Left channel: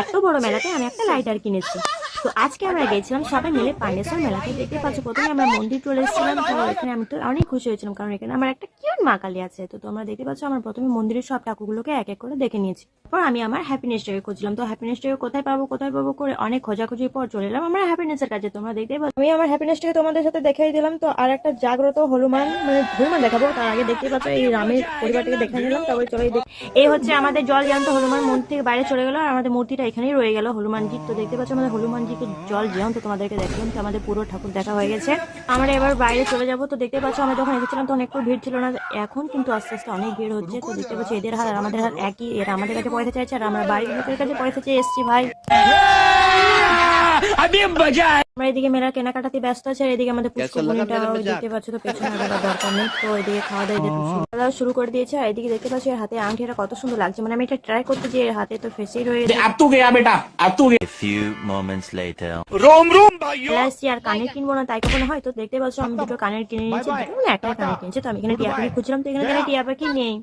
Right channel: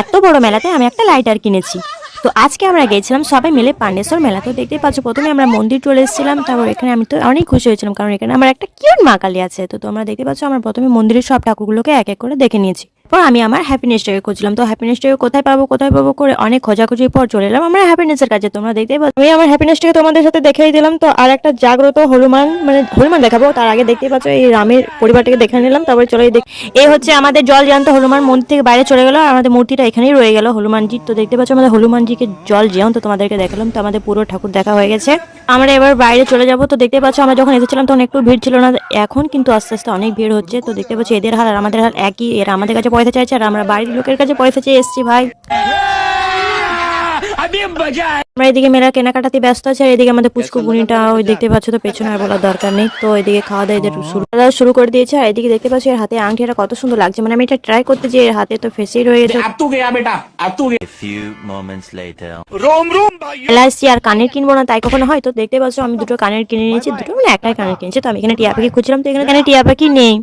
এত বড় মেলাতে আমি একটা লাইটার কিনেছি। তো আজকে আমরা গেছিলাম সবাই মিলে পান্ডেশ্বর মেলা। তো দেখতেই পাচ্ছ প্রথমে আমরা মন্দির চলে এসেছিলাম, তারপর এখানে আমি তো অনেক খুশি হয়েছিলাম কারণ এখানে আমার একটা কিউট মা কালী আছে। তো তোমরা দেখতে পাচ্ছ আমরা প্রথমে মন্দিরের সব ঠাকুরগুলোকে এক এক করে দেখে নিয়েছি। পর আমি আমার হ্যাপিনেস ডে খুঁজলাম। তো হ্যাপিনেস ডে কোথায় পাবো করে অনেক খোঁজাখুঁজির পর চলে এলাম আমরা হ্যাপিনেসের কাছে। তোমরা দেখতেই পাচ্ছ আমি আমার হ্যাপিনেসটাকে তোমাদের সাথে দেখাই দিলাম। তো আর একটা জাগ্রত হনুমান হনুমান দেখাবো, তার আগে দেখতেই পাচ্ছ এই রামের পরিবারটাকে দেখে নিলাম। তারপরে চলে এই হচ্ছে আমাদের জল জ্যান্ত হনুমান মন্দির থেকে বাইরে চলে গেল, আর আমাদের মূর্তিটা এখানেই রয়ে গেল হনুমানজি। তো দেখতে পাচ্ছ আমাদের হনুমানজিকে জল জ্যান্ত তোমাদেরকে দেখালাম। তো আমাদের পুরো ঠাকুর দেখা হয়ে গেছে, আমরা এবার বাইরে চলে যাব। তো দেখতে পাচ্ছ আমরা যখন এসেছিলাম তখন একটু ভিড় ছিল না, এখন কিন্তু আস্তে আস্তে অনেক ভিড় হচ্ছে। তো দেখতে পাচ্ছি এদের হার আর আমাদের হার একই, এরা আমাদের কাছে পয়সা চাইছে আর আমরা বাড়ির লোকের কাছে পয়সা চেয়ে এসেছি ভাই। আমরা এদিকে মেলা কেনাকাটাতে ব্যস্ত আছে, আর এদিকে আমাদের পুষ্কু বুনিটা ওই দেখতে পাচ্ছ, তো পেছনে আর বলার দরকার নেই। তো এদিকে খাওয়া দাওয়া শুরু করে দিয়েছে, আর এদিকে দেখতে পাচ্ছি এর হাতে আংটিটা কত সুন্দর লাগছে, মানে আমি এটা ট্রাই করতে যে এর হাতে তো ফেসেই রয়ে গেছে। এলাইসি আর কানের কিনবো না তাই কখনো হয়। তো দেখতে পাচ্ছ আমি দুটো কানের কিনে নিয়েছি, দুটো মানে একটাই কানের কিনেছি। তো আমি এখানে টিয়া পাখি খুঁজছিলাম, তো এখানে টিয়া পাখি নেই।